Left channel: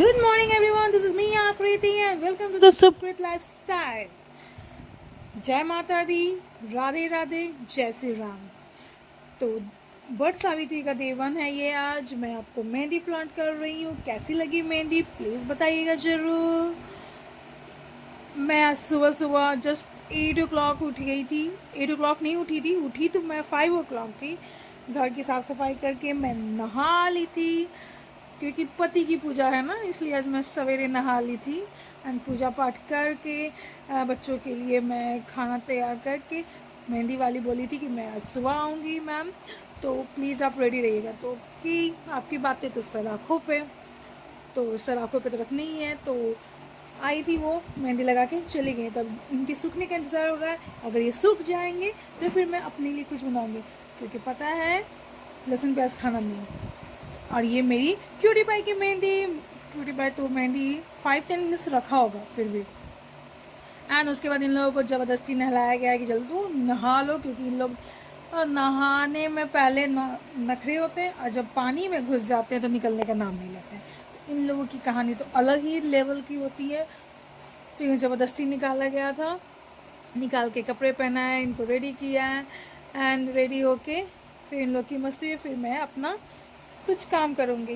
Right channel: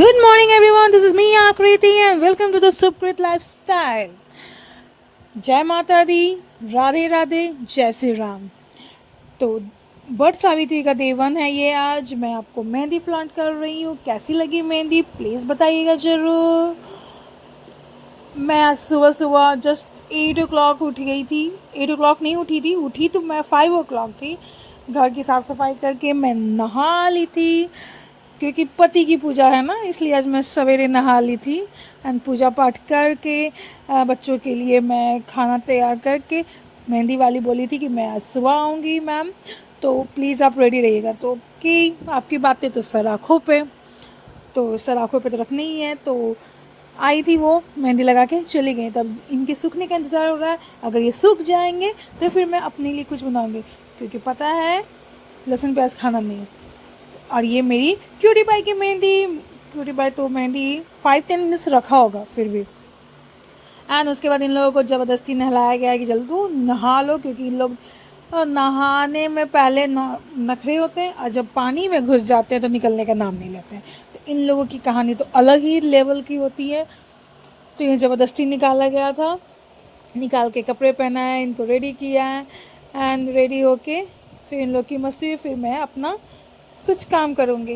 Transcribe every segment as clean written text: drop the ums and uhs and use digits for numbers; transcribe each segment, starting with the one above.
Good morning, everyone. This is me, Akriti, and welcome to the Subkrit Lifestyle. जय माता दी, राधे राधे, जय श्री राम। तो but Savitri का डे 1 है ये। आज मैं आपको मेहंदी फ्लॉन्ट कर रही हूँ। कैसी लगी मेहंदी प्लीज़ बताइएगा ज़रूर। मैं आज सुबह सुबह जस्ट 8 o'clock उठ गई थी। 8 o'clock नहीं उठी थी, उठी तो मैं 5 o'clock थी। घर की साफ़ सफाई करके मैं नहा ली थी, क्योंकि पति की पूजा है ना, इसलिए आज मैं सवेरे नहा ली थी। एंड पूजा पाठ करके बच्चों के लिए मैं खाना तैयार करके, मेहंदी वाली बोली थी कि मैं आज सुबह आऊँगी मैम, तो प्लीज़ आप रेडी रहिएगा। तो कि आपकी बातें तो सर आँखों पे, तो सर आँखों पे तो रखनी ही है। तो आई थी वो, मेहंदी लगा के चली गई। तब इनके सूखने का इंतज़ार हो रहा है। अगर ये सूख जाएंगे तो फिर मैं अपने लिए कुछ बनाऊँगी, क्योंकि पता है लहसुन प्याज खाना नहीं। और ये मेरी क्यूटी पाई की मेहंदी। क्यूटी पाई तो मेहंदी 5-10 मिनट्स रखा होगा फिर भी। एंड उसके बाद इन लोगों को ज़बरदस्ती नहलाया गया है कि जल्दी तू नहा लो, क्योंकि इन लोग नहाने में पहले नखरे होते हैं, और जब पानी में घुस जाते हैं तो निकलने का नाम नहीं लेते हैं। तो इन लोगों की कहानी तो अलग ही लेवल की होती है। तो ये ज़बरदस्ती निकाला गया था, निकाल के कपड़े पहनाया, इनको रेडी किया एंड रेडी होके फिर इन लोग की मस्ती हुई। फिर मैं अपना कुछ काम करूँगी।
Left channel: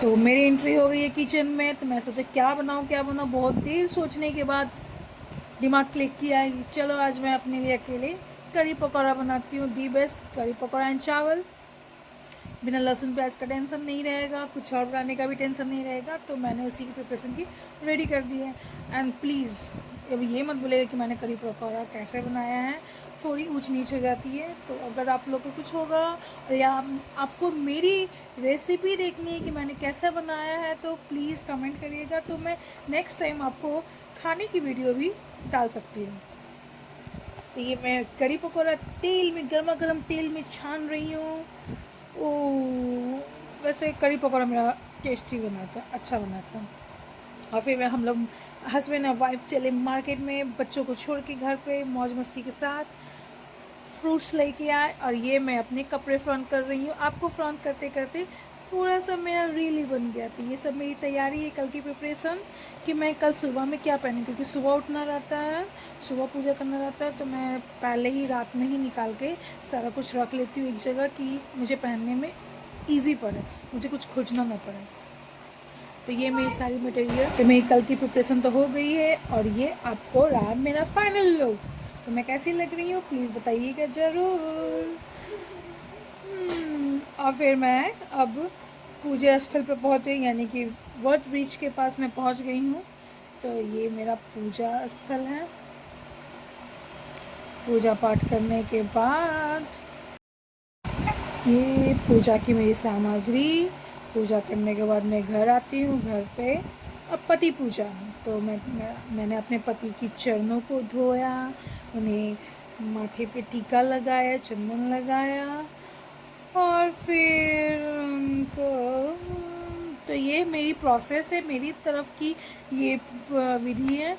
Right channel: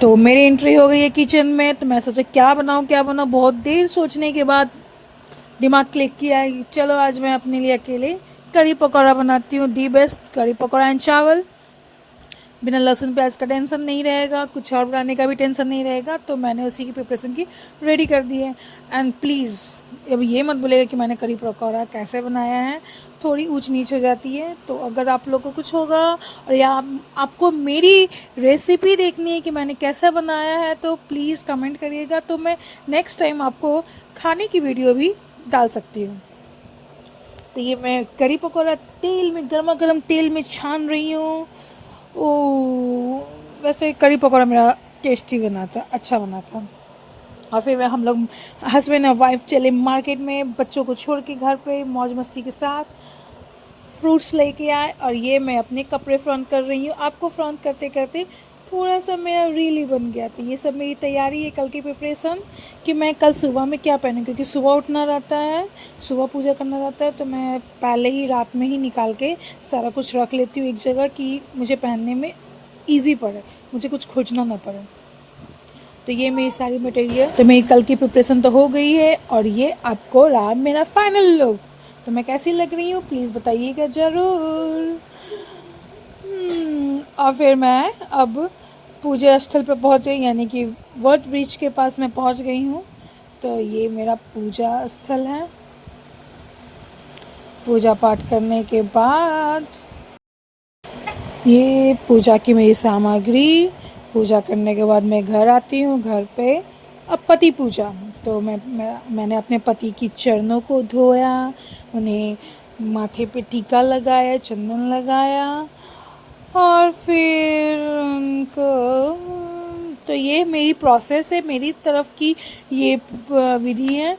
तो मेरी एंट्री हो गई है किचन में। तो मैं सोचा क्या बनाऊँ क्या बनाऊँ। बहुत देर सोचने के बाद दिमाग क्लिक किया कि चलो आज मैं अपने लिए अकेले कढ़ी पकौड़ा बनाती हूँ। The best kadhi pakora and चावल। बिना लहसुन प्याज का टेंशन नहीं रहेगा, कुछ और बनाने का भी टेंशन नहीं रहेगा। तो मैंने उसी की प्रिपरेशन की रेडी कर दी है। एंड प्लीज़ अब ये मत बोलेगा कि मैंने कढ़ी पकौड़ा कैसे बनाया है, थोड़ी ऊंच नीच हो जाती है। तो अगर आप लोग को कुछ होगा और या आपको मेरी रेसिपी देखनी है कि मैंने कैसा बनाया है, तो प्लीज़ कमेंट करिएगा, तो मैं नेक्स्ट टाइम आपको खाने की वीडियो भी डाल सकती हूँ। तो ये मैं कढ़ी पकौड़ा तेल में, गर्मा गर्म तेल में छान रही हूँ। ओ, वैसे कढ़ी पकौड़ा मेरा टेस्टी बना था, अच्छा बना था। और फिर हम लोग हस्बैंड और वाइफ चले मार्केट में, बच्चों को छोड़ के घर पे मौज मस्ती के साथ फ्रूट्स लेके आए। और ये मैं अपने कपड़े फ्रंट कर रही हूँ। आपको फ्रंट करते करते थोड़ा सा मेरा रील ही बन गया। तो ये सब मेरी तैयारी है कल की प्रिपरेशन, कि मैं कल सुबह में क्या पहनूँ, क्योंकि सुबह उठना रहता है, सुबह पूजा करना रहता है। तो मैं पहले ही रात में ही निकाल के सारा कुछ रख लेती हूँ एक जगह, कि मुझे पहनने में ईजी पड़े, मुझे कुछ खोजना ना पड़े। तो ये मेरी सारी मटेरियल, तो मेरी कल की प्रिपरेशन तो हो गई है। और ये आपको रहा मेरा फाइनल लुक। तो मैं कैसी लग रही हूँ प्लीज़ बताइएगा ज़रूर। और फिर मैं अब पूजा स्थल पर पहुँच गई, यानी कि वट ब्रिज के पास मैं पहुँच गई हूँ। तो ये मेरा पूजा स्थल है। पूजा पाठ करने के बाद ये पूजा की मेरी सामग्री। पूजा करने के बाद मैं घर आती हूँ। घर पे अब पति पूजा। तो मैंने अपने पति की चरणों को धोया, उन्हें माथे पे टीका लगाया, चंदन लगाया, और फिर उनको, तो ये मेरी प्रोसेस है, मेरी तरफ की ये विधि है।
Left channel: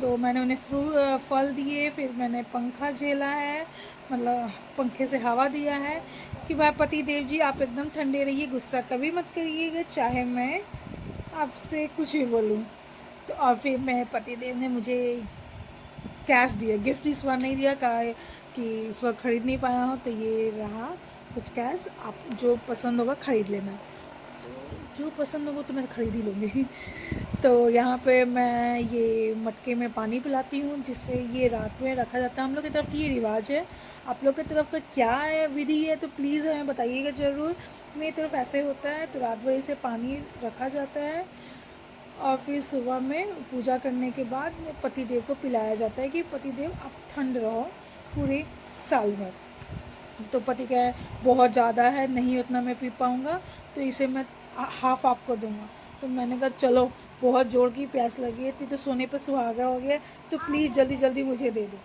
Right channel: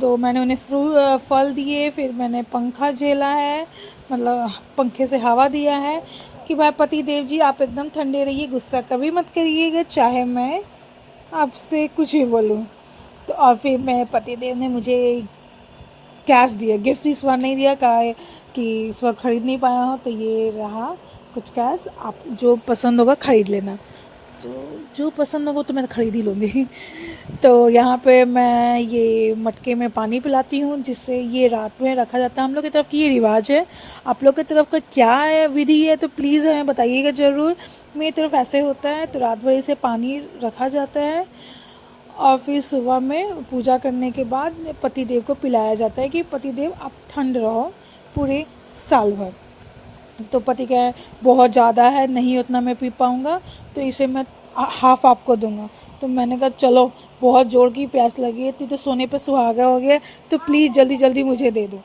तो मैंने उन्हें फल दिए, फिर मैंने पंखा झेला है, मतलब पंखे से हवा दिया है कि भाई पति देव जी आप एकदम ठंडे रहिए, गुस्सा कभी मत करिएगा, चाहे मैं आपसे कुछ भी बोलूँ। तो और फिर मेरे पति देव ने मुझे कैश दिया, गिफ्ट इस बार नहीं दिया, कहा कि इस बार ख़रीद नहीं पाया हो, तो ये रहा कुछ कैश, आप जो पसंद होगा ख़रीद लेना। तो जो पसंद होगा तो मैं ख़रीद ही लूँगी। तो यहाँ पे मैं ये मटके में पानी पिलाती हूँ, जिससे ये रात में रखा जाता है। हम लोग की तरफ की ये रिवाज है। आप लोग की तरफ का क्या है, विधि है, तो प्लीज़ हमें बताइएगा ज़रूर। मेरी तरफ ऐसे होता है। तो रात भर इसे पानी रखा जाता है, और फिर सुबह में पूजा करने के बाद पति देव को पिलाया जाता है कि पति देव आप ठंड रहो पूरे साल भर। तो पति कहे बहुत ज़्यादा है, नहीं उतना मैं पी पाऊँगा, तो इसे मैं हाफ़ आपको दूंगा। तो मैंने कहा चलो, बहुत ज़ोर की प्यास लगी है, इतनी तो सोने पे सुहागा हो गया, तो प्लीज़ जल्दी जल्दी मुझे दे दो।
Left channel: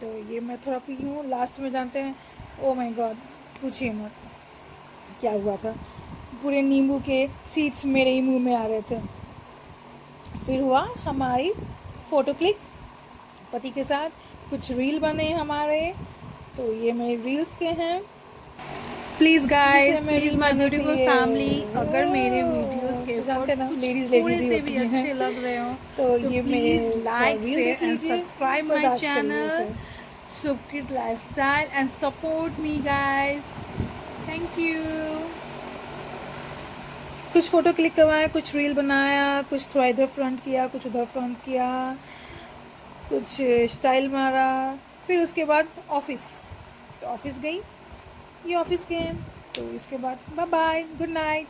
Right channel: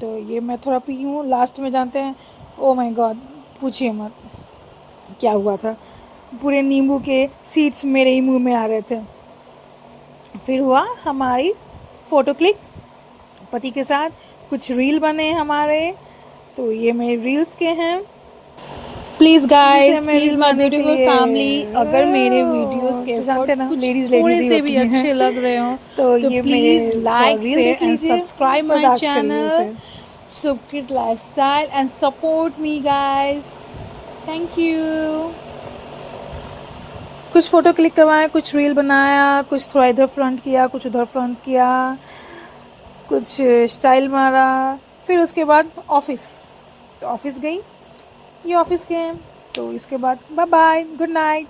तो ये मैं थोड़ा पी हूँ। लास्ट में जानते हैं, ओ माय गॉड, पूछिए मत क्या हुआ था। पूरे नींबू के सीड्स मेरे ही मुँह में आ रहे थे। फिर हुआ हमारी फ़ोटो क्लिक पति के साथ, कुछ रील बने हमारे। तो ये मेरे रील्स के हैं। प्लीज गाइस, जिसे मैं प्लीज रील माय बनाने के ब्यूटीफुल लिए- फैमिली, अगर मेरे वीडियोस के तो जानते हैं ना, कुछ लेडीज थोड़े ही से भी होती हैं। अच्छे लग रहे हो तो तो ये प्लीज मेरे थोड़ा लाइक रील शेयर देख एंड लीजिए, सब्सक्राइब माय बर्दाश्त करिए चैनल उसे। सुपकिट lifestyle and support me guys. Thank you. कुछ फ़ोटो क्लिक करवाया, कुछ रील बनाया, कुछ थोड़ा इधर फ्रंट किया, कुछ उधर फ्रंट किया, कुछ स्टाइल मारा। फिर उसके बाद ऑफिस, तो ऑफिस गई, ये ऑफिस गेम। तो इसके बाद बाय बाय, गुड नाइट।